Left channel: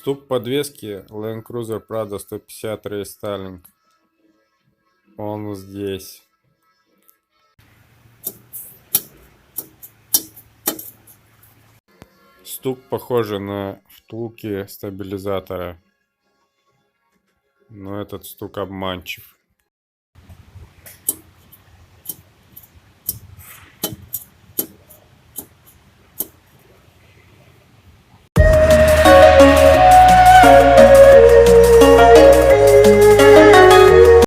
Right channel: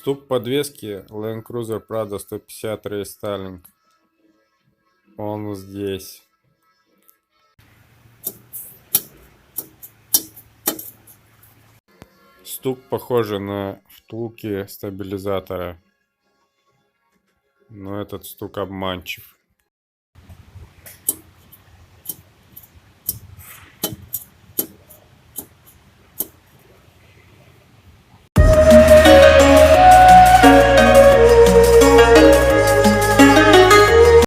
Стук подвески Land Cruiser Prado 150 рестайлинг. Он здесь. Стук похожий на втулки стабилизатора, но этот стук обманчив.